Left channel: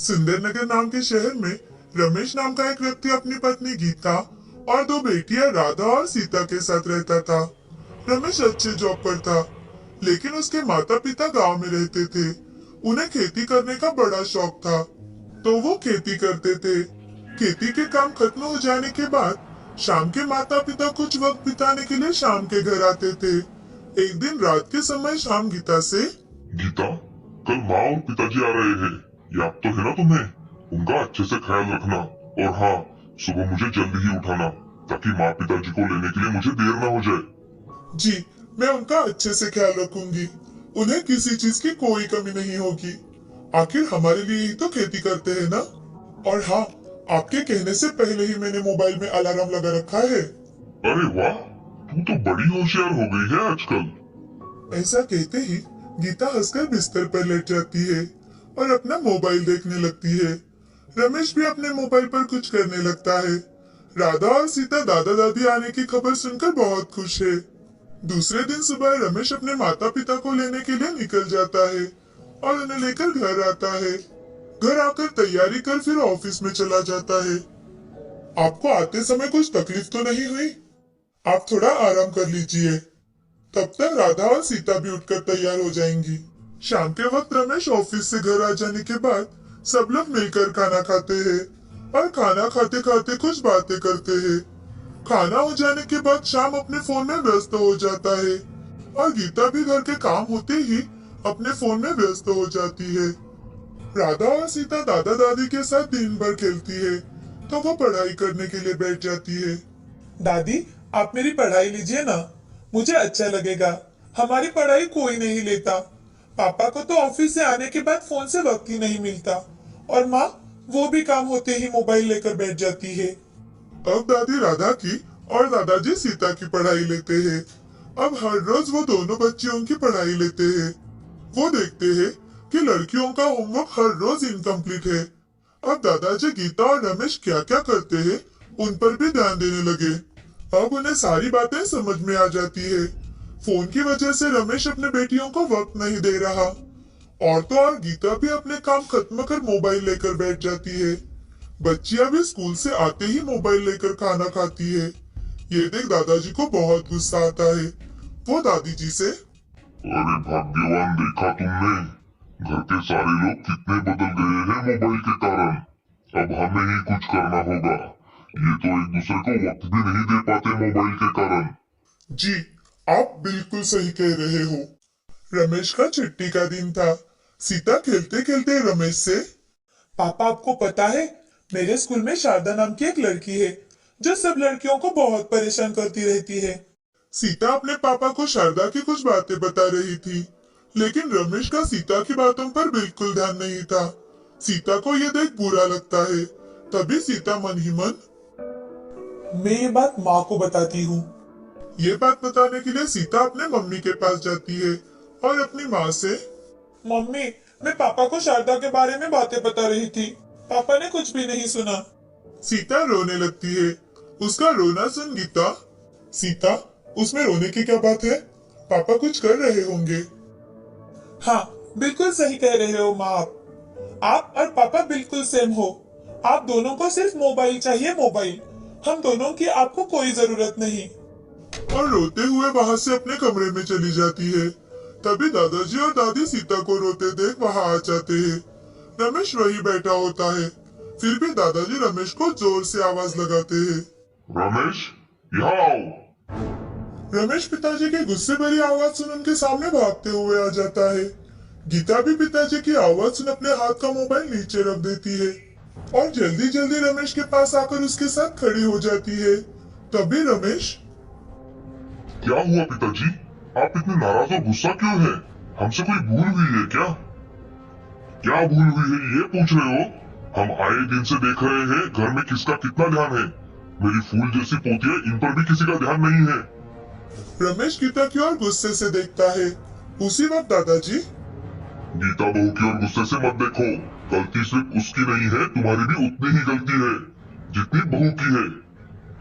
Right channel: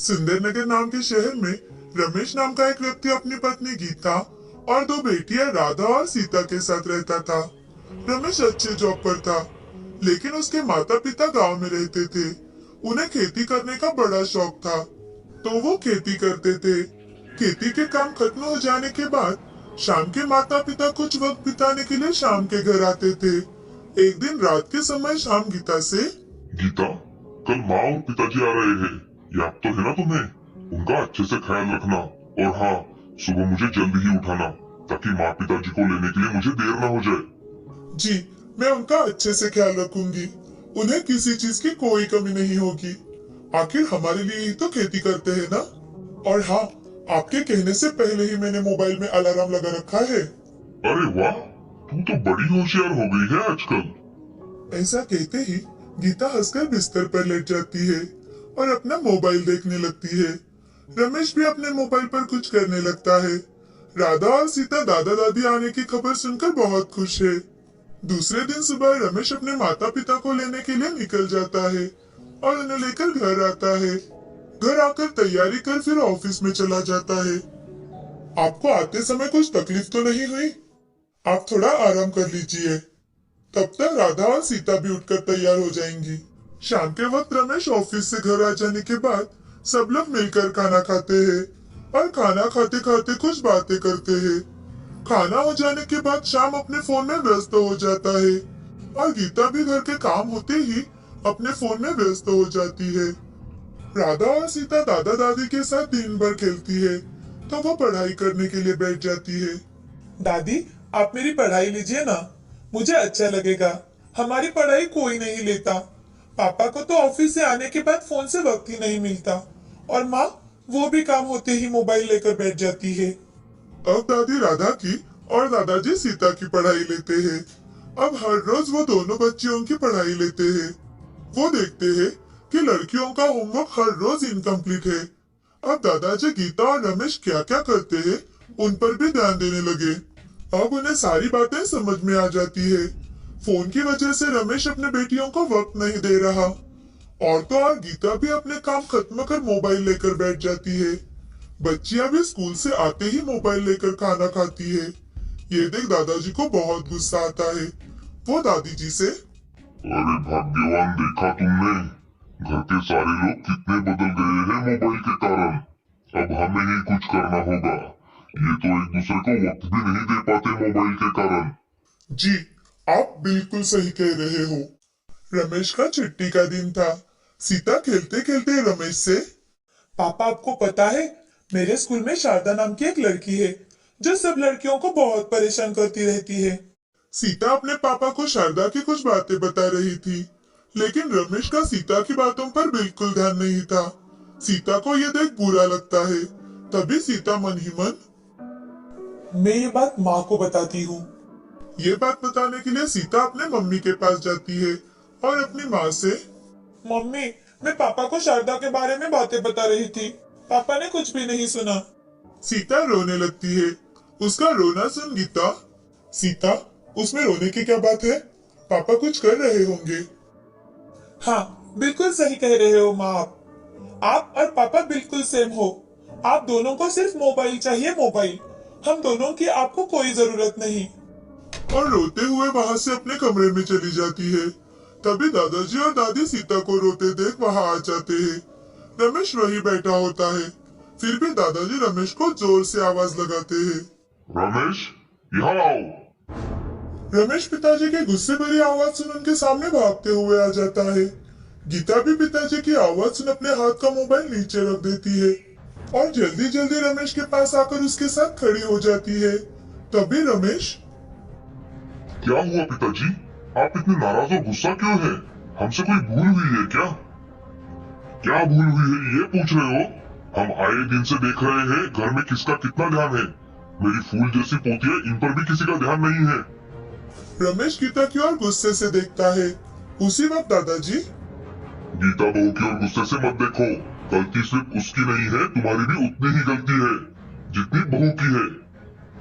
सुंदरनगर नाम के शहर में रमेश नाम का एक व्यक्ति अपनी पत्नी गीता और दो बेटियां राधा और सीता के साथ रहता था। रमेश अच्छे जॉब पर था, लेकिन उसके माता पिता गांव में रहते थे। उन्हें खेती करने का बड़ा शौक था, तो वो खेती करते थे। खेती के काम खत्म हो जाने के बाद शाम के माता पिता कुछ वक्त बिताने के लिए शाम के घर आते थे। एक दिन रात के समय शाम गीता से, गीता, कल माँ और पिताजी आ रहे हैं। याद तो है ना तुम्हें? उनका अच्छे से ख्याल रखना। और हाँ, सुबह मुझे जल्दी ही उठाना ताकि माँ पिताजी को लेने के लिए मुझे देर ना हो जाए। जी, मैं उनका अच्छे से ख्याल रखूंगी। उन्हें किसी चीज की कोई कमी नहीं होगी। आखिर हमारे लिए ही तो खेती करते हैं ना। और हाँ, आपके कहने से पहले ही मैंने मोबाइल में अलार्म लगा रखा है। अरे वाह, तू तो बड़ी होशियार हो गई है आजकल। ऐसा कहते ही गीता हंसकर बिस्तर पर लेट जाती है और अपना मोबाइल देखने लगती है। रमेश भी अपने मोबाइल पर कुछ करने लगता है। राधा और सीता दादा दादी आने की खबर सुनकर बहुत खुश है। दूसरे दिन सुबह रमेश अपने माता पिता को लेने के लिए निकल जाता है और उन्हें लेकर घर आता है। घर आकर तैयारी कर फिर ऑफिस में चला जाता है। आपको आते समय कुछ तकलीफ तो नहीं हुई? आप थोड़ा आराम कर लीजिए। तब तक राधा और सीता भी उठकर तैयार हो जाएंगी। शाम के वक्त रमेश ऑफिस से घर आ जाने के बाद सब लोग मिलकर खाना खाते हैं और खाना खाते खाते कुछ बातें करते हैं। खाना हो जाने के बाद शाम अपने फोन में व्यस्त हो जाता है और गीता भी घर के काम होते ही अपने फोन में व्यस्त हो जाती है। राधा और सीता दादा दादी के साथ दिन भर खेलती है, तो वो पढ़ाई करने के लिए बैठ जाती है। दादी, आप मेरी पढ़ाई लीजिए ना, मुझे अच्छा लगेगा। हमारी पढ़ाई कोई नहीं लेता। पापा को तो ऑफिस से आने के बाद फोन से वक्त ही नहीं मिलता और माँ, वो भी काम होते ही मोबाइल लेकर बैठ जाती है। अब दादी राधा की और दादाजी सीता की पढ़ाई लेते हैं। अब हर रोज वो दोनों बच्चियों की पढ़ाई लेते हैं। वो देखते हैं कि लड़कियों का होमवर्क हर रोज इनकम्प्लीट है। अब दादाजी गीता और रमेश क्या क्या करते हैं उन पर भी ध्यान देने लगे। अब उन्हें सारी बातें समझ में आ जाती है। फोन की वजह से रमेश अपने बेटियों को वक्त नहीं दे रहा और तो और गीता भी अपने काम खत्म कर मोबाइल लेकर बैठ जाती है। बच्चियां भी स्कूल से आते ही मोबाइल लेकर खाना खाती है। ये देख दादाजी को बहुत गुस्सा आता है। वो दादी जी से, अरे भाग्यवान, देखा तुमने? घर के सारे लोग कितने बदल गए हैं मोबाइल के कारण। अब हमें ही कुछ करना होगा। ये तो एक दूसरे को वक्त भी नहीं दे पाते मोबाइल के कारण। जी, आप बिल्कुल सही कह रहे हो। रमेश का छुट्टी का दिन था। सीता खेलते खेलते रमेश से, पापा, आपको पता है मेरे स्कूल में शारदा नाम की एक लड़की है जो सब लड़कियों को बहुत परेशान करती रहती है। सीता अपने पापा को शारदा की कुछ बातें बता रही थी, लेकिन रमेश का सीता की बातों पर बिल्कुल ध्यान नहीं था। सीता को ये देख बुरा लगता है। तभी सीता मन ही मन, मैं ये बात माँ को बताती हूँ। ये बात बताने के लिए सीता अपने मम्मी के पास जाती है और अपनी माँ से, मम्मी, मैं पापा को शारदा के बारे में बातें बता रही थी। पापा ने कुछ भी नहीं सुना। सीता रोने लगती है। उसका रोना सुन गीता, सीता, उसमें रोने की क्या बात है? पापा कुछ कर रहे होंगे। हाँ, बिल्कुल सही कह रहे हो माँ। आप और पापा बिल्कुल सेम हो। आप दोनों को सिर्फ मोबाइल चाहिए, मोबाइल। हम दोनों की आपको कोई जरूरत नहीं। और रोते हुए वहाँ से अपने कमरे में चली जाती है। तभी दादाजी और दादी सीता को रोते देख वहाँ आ जाते हैं। रमेश वही बैठा होता है। फिर भी दादाजी रमेश को जोर से आवाज लगाते हैं, रमेश, यहाँ आओ। रमेश पिताजी की गुस्से भरी आवाज सुन उनके सामने भागते हुए आ जाता है। गीता भी पिताजी की आवाज सुन अपने हाथ का मोबाइल नीचे रख देती है और जल्दी जल्दी रमेश के पास आकर उसके साथ खड़ी हो जाती है। तभी रमेश, क्या हुआ पिताजी? आप इतने नाराज और गुस्सा क्यों है? हमसे कोई भूल हुई है क्या? क्या भूल हुई है ये पूछ रहे हो? हम आए दिन से देख रहे हैं घर में किसका कितना ध्यान है। मेरी फूल जैसी पोती है, इन पर भी किसी का ध्यान नहीं है। रमेश गीता की ओर गुस्से से देखता है। उसी वक्त दादाजी, गीता बहू की ओर गुस्से से मत देखो। गलती सिर्फ उसकी नहीं है, तुम्हारी भी उतनी ही गलती है जितनी बहू की है।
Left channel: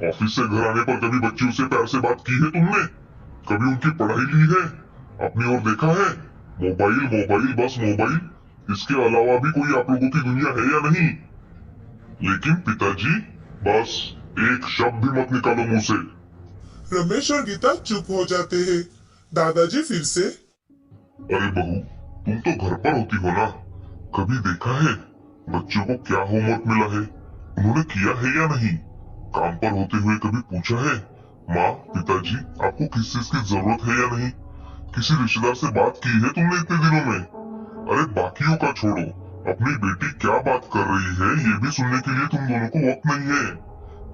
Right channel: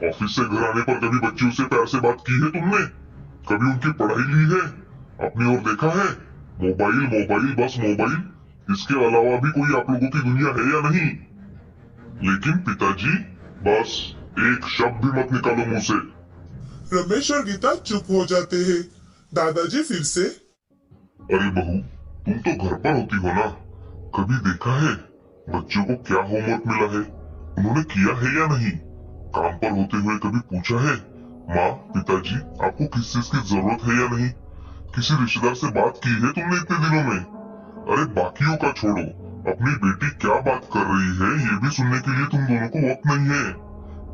ऑफिस से घर आने पर कभी बच्चियों से प्यार से बात की है तुमने? कभी उनकी पढ़ाई ली है? अपनी ओर देखा है? मोबाइल मोबाइल, बस मोबाइल। इसके अलावा भी कोई आप लोगों की दुनिया है या नहीं? लेकिन पिताजी, बस एक शब्द भी मत निकालो मुंह से। रमेश और गीता चुप हो जाते हैं। दादाजी फिर से, अरे बहू, तुम तो घर पर होती हो ना, कभी देखा है बच्चों को क्या होमवर्क मिला है, उन्होंने किया है या नहीं? काम पर होते हुए कभी पूछा है, माँ पिताजी आपको किस चीज की जरूरत है या नहीं? किसी रिश्तेदार से बात की है तुमने इतने दिनों में? अरे बाकियों का छोड़ो, अपनी बेटी क्या बात कर रही है ये भी सुनने के लिए तुम दोनों को वक्त नहीं है।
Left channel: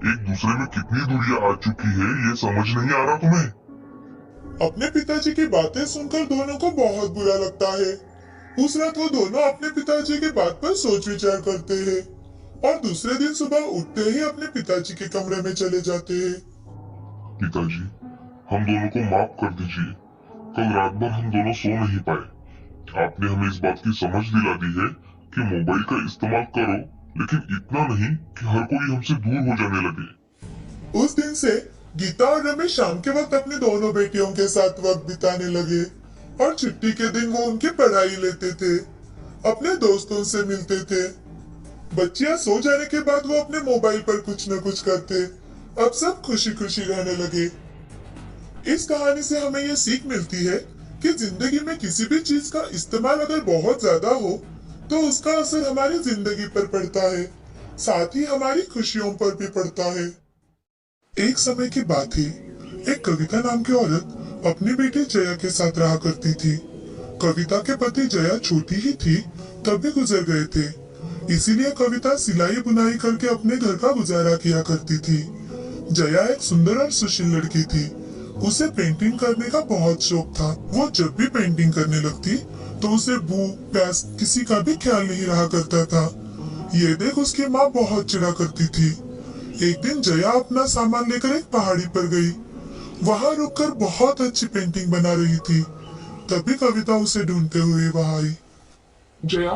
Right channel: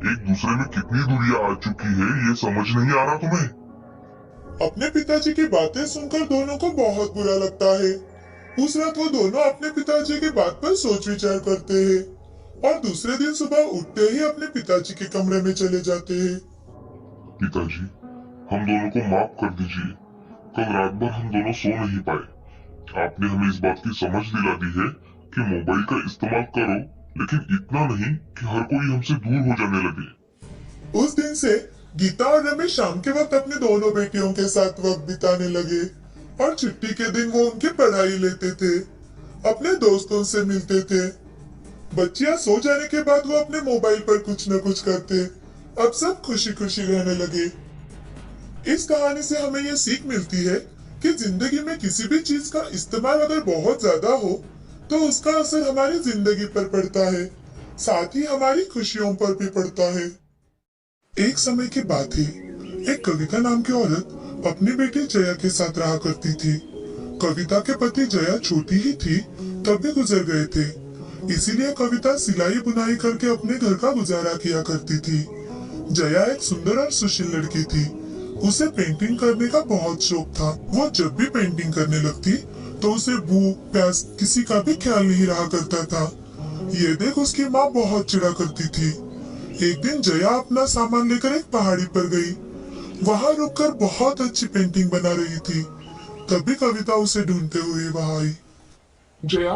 एक दूसरे में कितनी दूरियां आ चुकी है ये समझ नहीं आ रहा तुम्हें? अपने पिताजी की बातें सुनकर दोनों को बहुत बुरा लगता है। उस रात वो दोनों अपने पिताजी की बात पर सोच विचार करते हैं और दूसरे दिन सुबह उठते ही अपने पिताजी के कमरे में चले जाते हैं। पिताजी, हम दोनों को माफ कर दीजिए। कल रात भर हम दोनों सो नहीं पाए। आपने हमें इस बात की समझ दिला दी है कि मोबाइल का इस्तेमाल करो, लेकिन इतना नहीं कि हर कोई हमसे दूर हो जाने लगे। उस दिन से गीता और रमेश शाम के वक्त अपनी दोनों बेटियों के साथ वक्त बिताने लगे और छुट्टी के दिन वो उनकी पढ़ाई लेते थे, अपने दोस्तों से मिलते थे। बच्चियां सो जाने के बाद वो अपने मोबाइल पर कुछ न कुछ करते। अब सब खुशी खुशी रहने लगे। इस कहानी से हमें ये सीख मिलती है कि जिंदगी में किसी भी चीज का इस्तेमाल अगर बहुत ज्यादा हो तो उसका असर हमारी जिंदगी पर पड़ता है, साथ ही हमारी खुशियों पर भी पड़ता है। एक समय की बात है, एक कविता नाम की औरत अपनी बेटी जया के साथ रहा करती थी। कविता के पति जया छोटी ही थी तब भी गुजर गए थे, इसीलिए कविता सिलाई बुनाई करके अपने घर का गुजारा किया करती थी। जया एक सुंदर और सुशील लड़की थी। उसे पेंटिंग करने का बहुत शौक था। वो जब भी पेंटिंग करने लगती तो उसे भूख प्यास किसी का भी ख्याल नहीं रहा करता था। ये देख उसकी माँ बहुत चिढ़ा करती थी। एक दिन जया अपना सामान लेकर एक पहाड़ी पर गई। वहां रुककर बहुत अच्छी पेंटिंग बना रही थी। तभी कविता उसे ढूंढते हुए वहां आई। जया,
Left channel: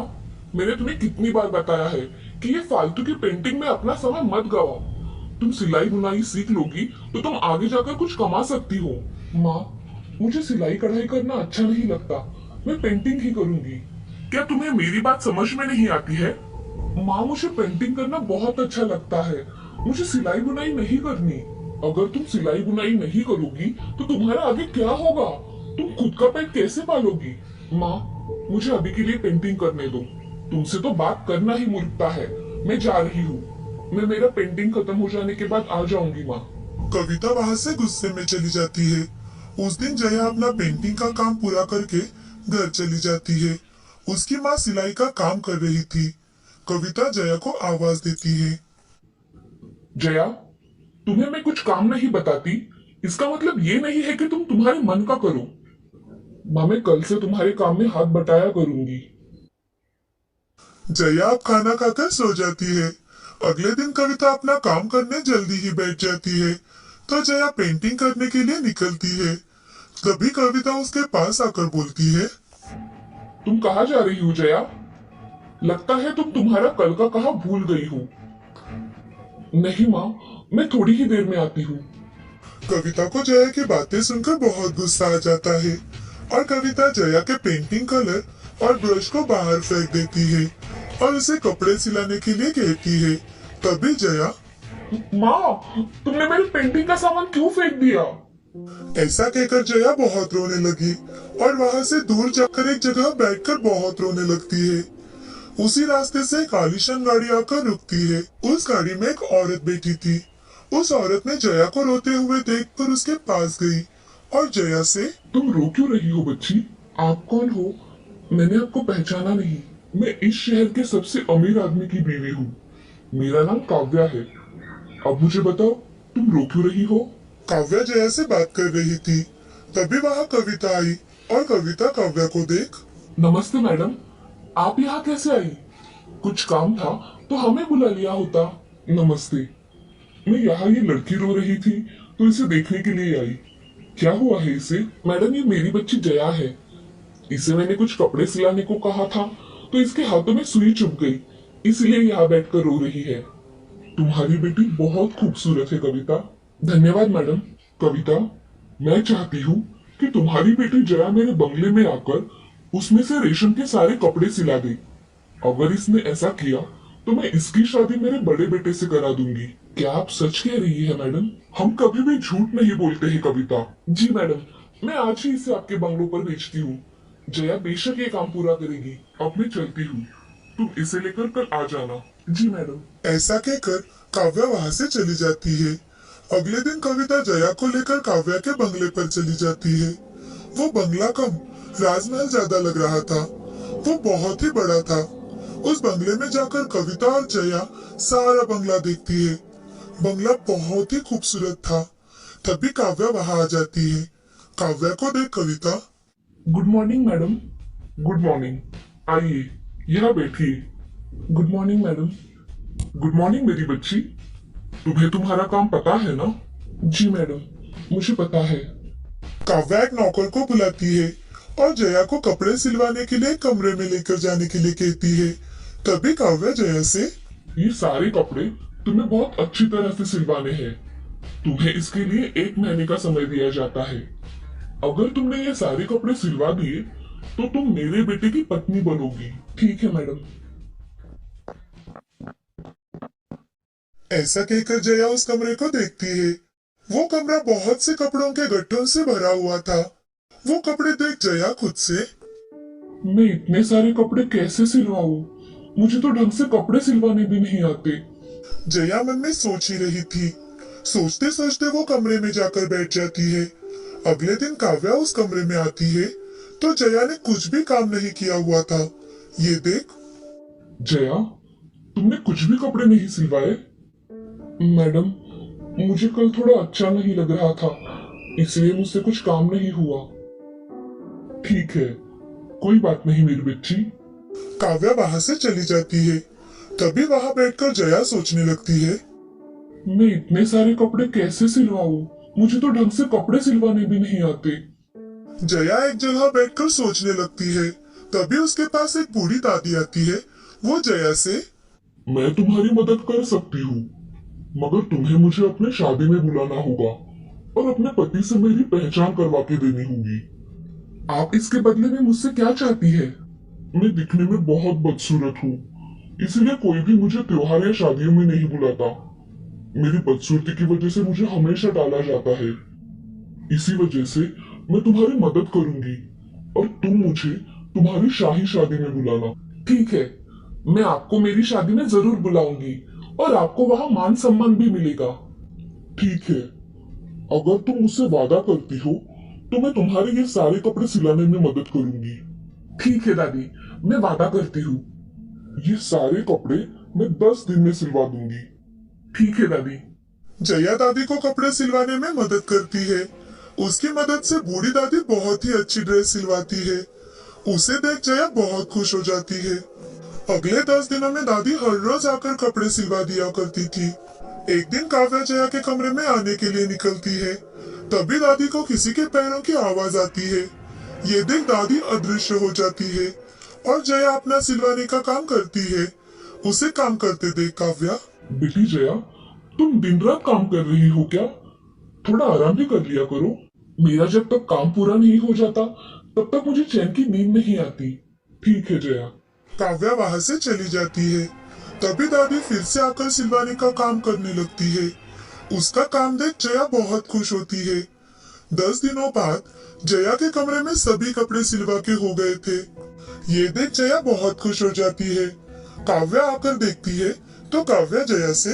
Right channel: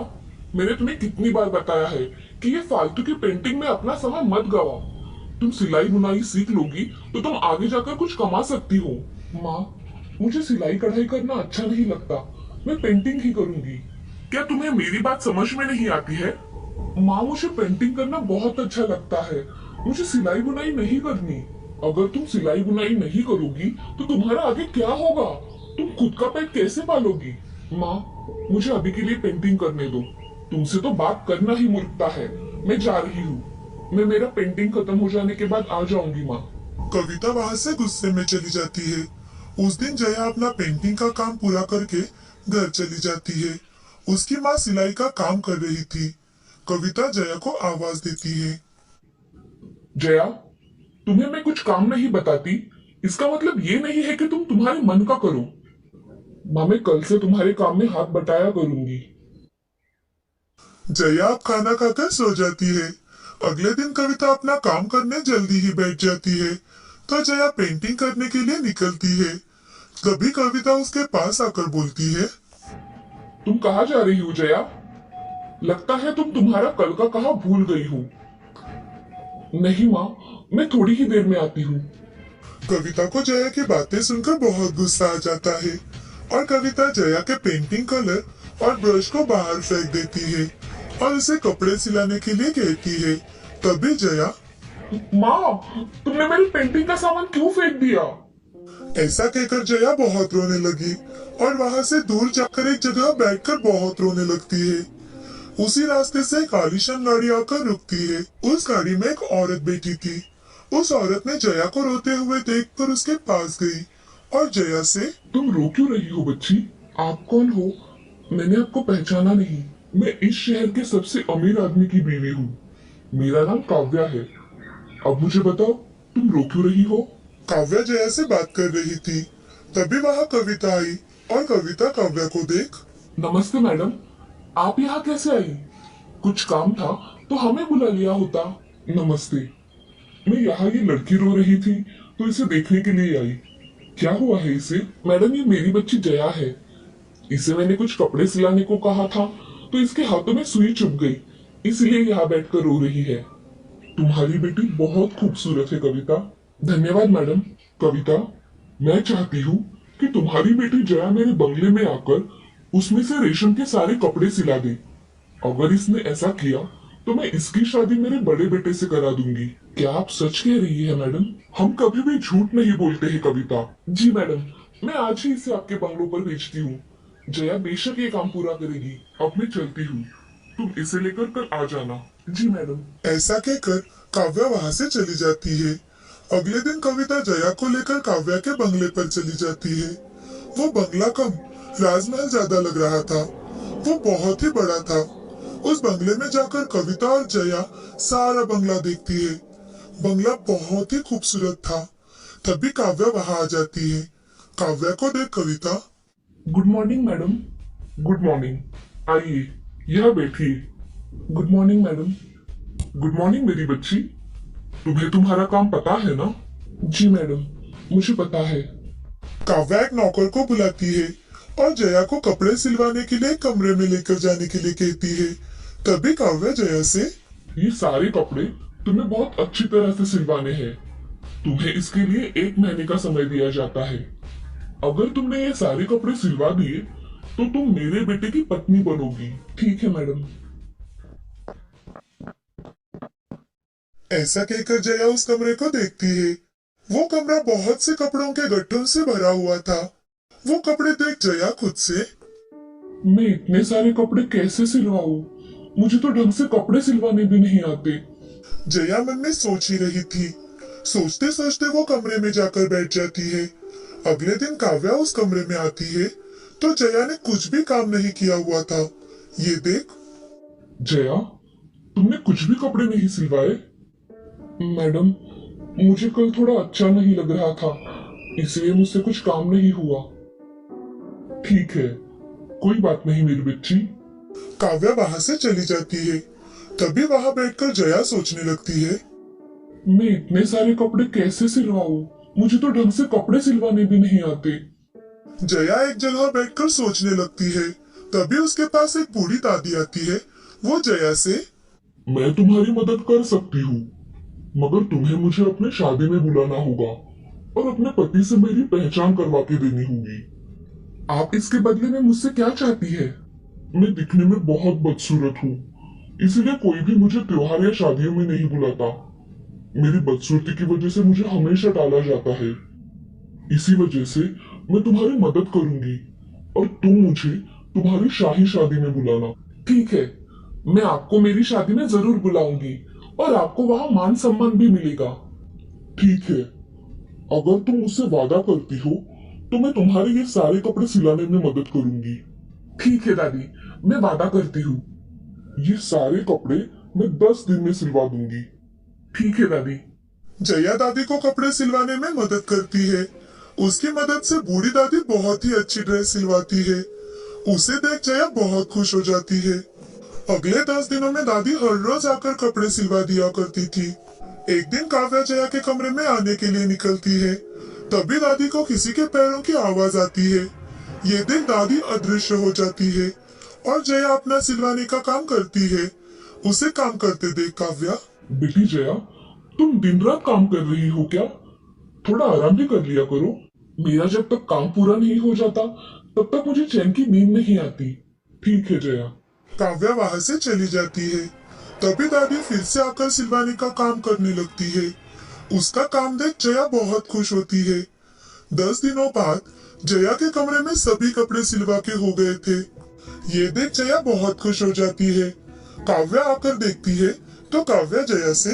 मैंने तुम्हें कितनी बार बताया है कि ये फालतू की पेंटिंग में अपना समय मत गवाओ। तुम सिलाई बुनाई सीख लोगी तो तुम आगे जाकर कुछ कमा सकती हो। माँ, मुझे सिलाई कढ़ाई करना अच्छा नहीं लगता, मैं पेंटिंग ही करूंगी। क्या तुम्हें मेरी बात समझ में नहीं आती है? माँ, मुझे पेंटिंग करना बहुत अच्छा लगता है, मुझे सिलाई बुनाई नहीं करनी। अगर तुम सिलाई बुनाई नहीं करोगी तो तुम्हारा आगे क्या होगा? तुम खुद का पेट कैसे पालोगी? माँ, मुझे अभी के लिए पेंटिंग करने दो। तुमसे तो बात करना ही मूर्खता है। मैं जा रही हूँ, मैं मेरा पेंटिंग खत्म हो जाने के बाद आ जाऊंगी माँ। कविता वहां से गुस्से में चली जाती है। उस दिन जया अपना पेंटिंग का काम पूरा करके घर चली जाती है। उसकी माँ सिलाई का काम कर रही थी। कविता जया को आवाज देती है। जया, तुम्हें मैं कुछ काम नहीं बताती, इसका मतलब ये नहीं है कि तुम तुम्हारे मन का करो। माँ, मैं कल से तुम्हारे काम में हाथ बटाया करूंगी। जया अब खाना खाकर सो जाती है। अगले दिन कविता अपना काम करने जल्दी ही बैठ जाती है तो जया पेंटिंग करने के लिए निकलती है। तभी कविता उसके पास आकर बोलती है, तुम कहाँ जा रही हो जया? लगता है तुम तुम्हारा कल का कहा भूल गई हो। नहीं माँ, मैं थोड़ी ही देर में आती हूँ। कविता को जया की बातें सुनकर बहुत गुस्सा आ जाता है और कविता जया के पेंटिंग कलर और ब्रश को बाहर फेंक देती है और उसे कपड़े सिलाने के लिए कहती है। तभी जया, माँ, तुमने मेरी पेंटिंग का सामान क्यों फेंक दिया? ऐसा कहकर जया बहुत रोने लगी और वहां से दूर जाकर एक जगह बैठकर बहुत रोने लगती है। उसी रास्ते से एक आलीशान गाड़ी आकर रुकती है। उस गाड़ी में एक औरत बैठी थी। उस औरत ने जया को रोते हुए देखकर उसके पास गई और जया से, तुम रो क्यों रही हो बच्ची? आप कौन हो? मैंने आपको पहचाना नहीं। मैं इस शहर के सबसे अमीर आदमी की बीवी हूँ। मेरा नाम काव्या है। अब मुझे बताओ, तुम रो क्यों रही हो? काव्या जया से बात कर रही थी। तभी वहां कविता आई और कविता काव्या को देख, नमस्ते मैडम, आप यहाँ कैसे आई? कुछ काम था तो हमें बुला लिया होता। नमस्ते। मैं यहाँ ये लड़की रो रही थी तो इसे देखने के लिए आई। क्या हुआ है इसे? मैडम, ये मेरी बच्ची जया है। इसे मैंने कुछ कपड़े सिलाने को कहा था तो इसके हाथों में सुई चुभ गई, इसलिए यहाँ बैठकर रो रही है। तुम्हारी बेटी बहुत खूबसूरत है कविता। धन्यवाद मैडम। कविता, मैं चाहती हूँ कि तुम्हारी बेटी जया मेरे बंगले में आकर उसमें से रेशम के सारे कपड़े सिला दे। अगर इसने ऐसा किया तो मैं इसकी शादी मेरे बड़े बेटे से करा दूंगी। क्या आप सच कह रही है मैडम? हम कभी भी झूठ नहीं बोलते हैं कविता। जी मैडम, मैं आज ही इसे आपके बंगलों पर भेजती हूँ। जया बेशक ये काम पूरा करेगी। अब मैं चलती हूँ, तुम इसे लेकर कल आ जाना। जी मैडम। ऐसा कहकर काव्या वहां से चली जाती है। अगले दिन कविता जया को लेकर काव्या के बंगले पर चली जाती है। वो बंगला कम राजमहल ज्यादा लग रहा था। वो बहुत ही बड़ा था। उस बंगले में जाकर कविता और जया सारा बंगला देखती है। बंगला बहुत ही खूबसूरत था। तभी काव्या वहां आ जाती है। काव्या को देख Kavita, good morning madam. Good morning, आइए यहाँ बैठिए। Good morning madam. Good morning मेरी बच्ची। तुम्हें तुम्हारा काम पता है ना? जी मैडम, मुझे पता है। काव्या एक नौकर को बुलाती है और जया को कपड़े सिलवाने के लिए कमरे में लेकर जाने के लिए कहती है। तभी काव्या जया से, ये सारे कपड़े तुम्हें बहुत अच्छी तरह से सिलवाने हैं। तुम्हें इसके लिए 1 महीने का समय दिया जाता है। अगर तुमने ये सारे कपड़े सिलवा दिए तो तुम मेरे बेटे की पत्नी बनोगी। ठीक है मैडम। ऐसा कहकर जया उस कमरे को देखती है। वो कमरा बहुत से कपड़ों के गट्ठों से भरा हुआ था। वो कपड़े देख जया खुद से, मैं इतने सारे कपड़े कैसे सिलवाऊं? मुझे तो ढंग से कपड़े सिलवाने भी नहीं आते। जया मन में सोच ही रही थी। सोचते सोचते वो कमरे में जाकर बैठ जाती है। अगले दिन काव्या उस कमरे में आती है तो जया ने कुछ भी काम नहीं किया हुआ था। ये देख, जया, तुमने कुछ भी कपड़े नहीं सिलवाए? मैडम, मुझे कल थोड़ा अच्छा नहीं लग रहा था, इसलिए मुझसे कुछ काम नहीं हुआ। ठीक है, कोई बात नहीं मेरी बच्ची। काव्या वहां से चली जाती है। तभी वहां बैठकर जया सोचने लगती है, मैं इतने सारे कपड़े कैसे सिलवाऊं? मुझे तो ढंग से कपड़े सिलवाने भी नहीं आते। जया एक जगह बैठकर सोचने लगती है। तभी उसके पास एक बूढ़ी दादी आती है। वो जया से, मैं तुम्हारी मदद कर सकती हूँ, मगर तुम्हें मुझे अपने शादी में बुलाना होगा और अपने पति से मेरी पहचान करवा के देनी होगी। आप इसके बदले में मुझसे क्या चाहती है? मैं दिखने में बहुत बदसूरत हूँ, इसलिए कोई भी मुझे त्योहार या शादियों में नहीं बुलाता। मेरी बदसूरती की वजह से मुझे हमेशा टाला जाता है। इसी वजह से मैं तुम्हारी मदद करूंगी और तुम मुझे तुम्हारी शाही शादी में बुलाना। ठीक है, मैं आपको मेरी शादी में जरूर बुलाऊंगी और आपको वहां मान सम्मान भी मिलेगा। ठीक है, अगर तुम मुझसे वादा करती हो तो मैं तुम्हारे ये सारे कपड़े सिलाने में मदद करूंगी। ठीक है दादी, मैं वादा करती हूँ। ये सारे कपड़े मैं 10 दिन में सिलवा दूंगी। ठीक है दादी। जया दादी को कपड़े सिलवाने में मदद करती है। उसकी मदद से बूढ़ी दादी बहुत ही अच्छी ड्रेस सिलवाती है। उसे देख जया बहुत खुश हो जाती है। अगले 10 दिनों में दादी हर रोज आकर कपड़े सिलवा दिया करती थी। एक दिन काव्या जया के कमरे में आने के लिए निकलती है। तभी दादी को किसी के पैरों की आवाज आती है। ये देख दादी अदृश्य हो जाती है और जया अपना सिलवाने का काम करती है। उसे काम करते देख काव्या, बेटी जया, तुम दिन रात काम कर रही हो क्या? थोड़ा आराम भी कर लिया करो। मेरा जब तक काम पूरा नहीं हो जाता तब तक मुझे चैन की नींद नहीं आती। ठीक है जया। काव्या वहां से चली जाती है। तभी दादी फिर से आकर सिलवाने का काम करने लगती है। उसका काम देख जया बहुत खुश होती है। 10 दिनों बाद जया के कमरे में सभी कपड़े सिलवा के हो गए थे। ये देख जया बहुत खुश हो जाती है। काव्या आकर देखती है तो काव्या जया से,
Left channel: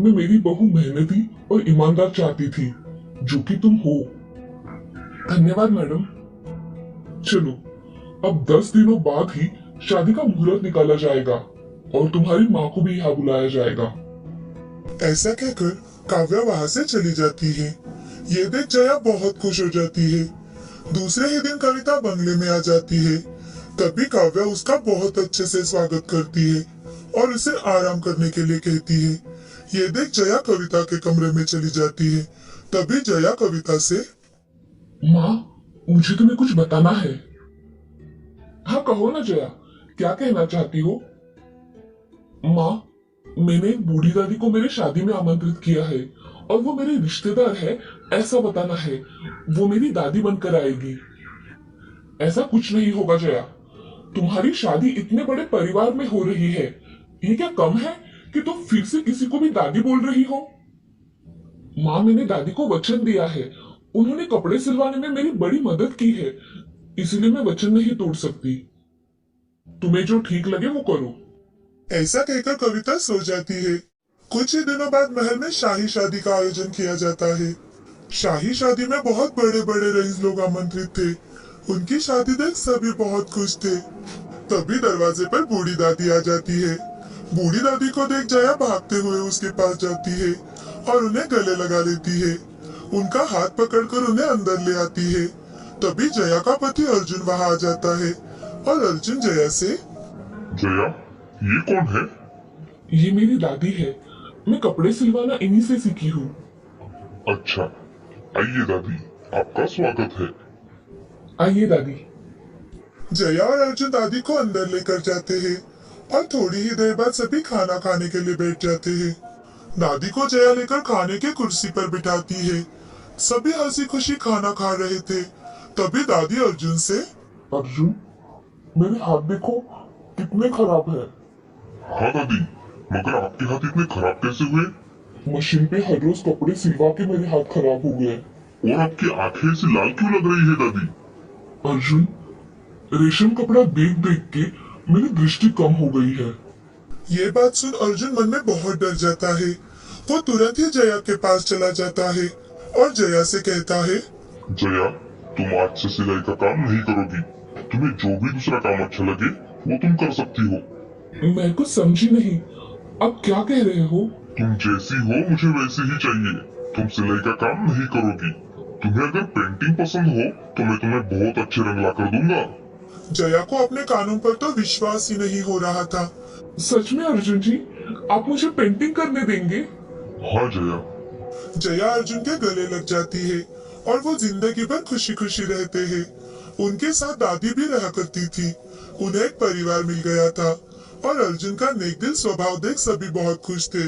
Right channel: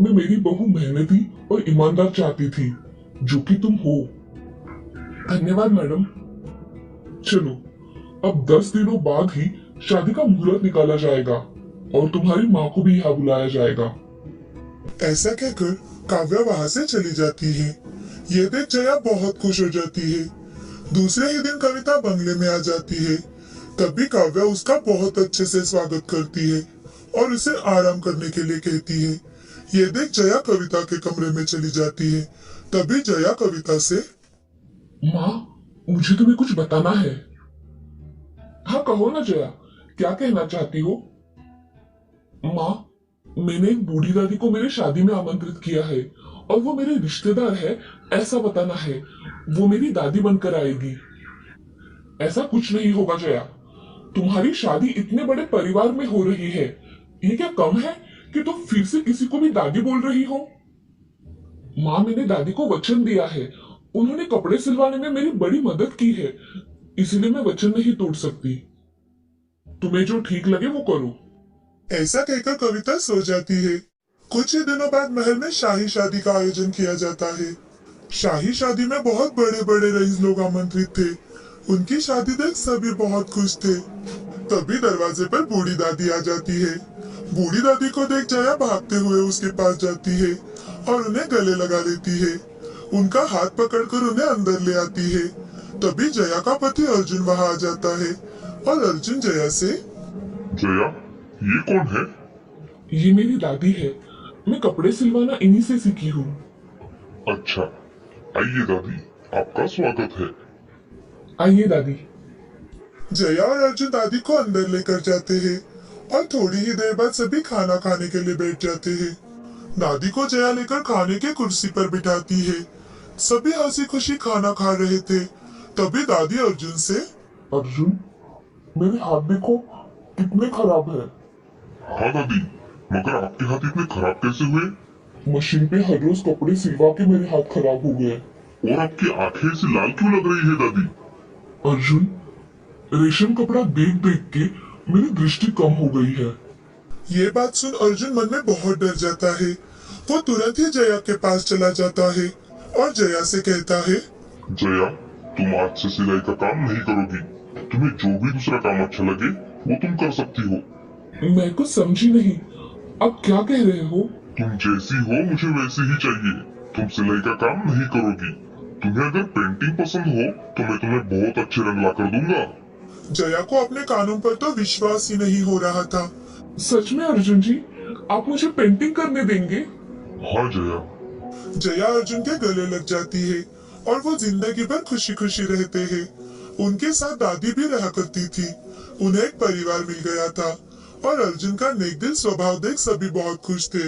मैं मेरी बहू मेहनती और ईमानदार चाहती थी, जो कि तुम हो। धन्यवाद मैडम। चलो, अब 10 दिनों बाद ही शादी का मुहूर्त निकाला जाएगा और तुम्हारी माँ को भी यहाँ बुलाया जाएगा। ऐसा कहकर काव्या वहां से चली जाती है। ये देख जया बहुत खुश हो जाती है। दूसरे ही दिन कविता बंगले में आ जाती है। तभी काव्या उसका बहुत अच्छे से स्वागत करती है और उसे आराम करने के लिए कहती है। ये देख जया कविता के कमरे में चली जाती है। तभी जया कविता से, माँ, मुझे तुम्हें कुछ बताना है। हाँ कहो ना जया, क्या कहना चाहती हो? माँ, मैंने एक बूढ़ी दादी को मेरे शादी में आमंत्रित किया है और वो मेरे रिश्तेदार है ऐसा बताना है। वो मेरी दादी बनकर आएगी। ऐसा कुछ नहीं होगा जया, तुम्हारी शादी इतने बड़े परिवार में हो रही है, ये क्या कम है कि तुम फिर से किसी को भी दादी बोल रही हो? माँ, मैंने दादी को वचन दिया है। उन्होंने कपड़े सिलवाने में मेरी बड़ी मदद की है, इसलिए मैं वचन नहीं तोड़ सकती। तुम्हें जो ठीक लगे वो करो। ऐसा कहकर कविता सो जाती है। कुछ ही दिनों बाद महल में शाही शादी का आयोजन किया जाता है। शाही शादी में बहुत बड़े बड़े रईस लोग आमंत्रित थे। उनकी शादी देख सभी बहुत खुश थे। तभी दरवाजे पर बूढ़ी दादी आ जाती है। बूढ़ी दादी को देख जया भागते हुए उसके पास जाती है और उन्हें गले लगा लेती है। उनका हाथ पकड़कर उन्हें अंदर ले आती है। तभी जया का पति अर्जुन वहां आ जाता है और अर्जुन जया से, जया, ये कौन है? ये मेरी दादी है। मैं कपड़े सिलवाना इन्हीं से सीखी हूँ। अच्छा, आइए दादी, आपका स्वागत है। आइए दादी। जया और अर्जुन दादी को अंदर लेकर जाते हैं और थोड़ी ही देर बाद सभी खाना खाने के लिए बैठ जाते हैं। दादी को जया लेकर खाने की कुर्सी पर बिठाती है। सभी हंसी खुशी खाना खा रहे थे। तभी दादी अर्जुन से, अर्जुन, मेरे हाथ देखो कितने खराब है। हाँ दादी, मगर आपके हाथ इतने खराब कैसे हुए? मशीन पे हर रोज कपड़े सिलवा के मेरे हाथ खराब हो गए। और आपकी आंखें ऐसी लाल क्यों लग रही है दादी? अर्जुन, रेशम कपड़ा देख देख के मेरी दृष्टि कम हो गई है। ये बात सुन अर्जुन मन में बहुत डर जाता है। वो तुरंत ही जया के पास चला जाता है और जया से कहता है, जया, तुम आज से सिलाई का काम नहीं करोगी। तुम्हें जो भी दूसरा काम अच्छा लगे वो तुम कर सकती हो। मैं कुछ समझी नहीं, अब क्या कह रहे हो? तुम जैसी हो मुझे वैसी ही चाहिए। तुम सिलाई का काम नहीं करोगी। तुम्हें अगर पेंटिंग पसंद हो तो मैं तुम्हें बहुत अच्छे रंग ला कर दूंगा। जया को अपने कानों पर तो विश्वास ही नहीं हो रहा था। सच में अर्जुन जी, आप मुझे पेंटिंग करने देंगे? हाँ जया। जया अर्जुन के गले लग जाती है और वो जिंदगी भर खुशी खुशी रहते हैं। उनके साथ दादी भी रहा करती थी। उन्हें एक परिवार मिल गया था और अर्जुन का नेक दिल स्वभाव देख सभी बहुत खुश थे।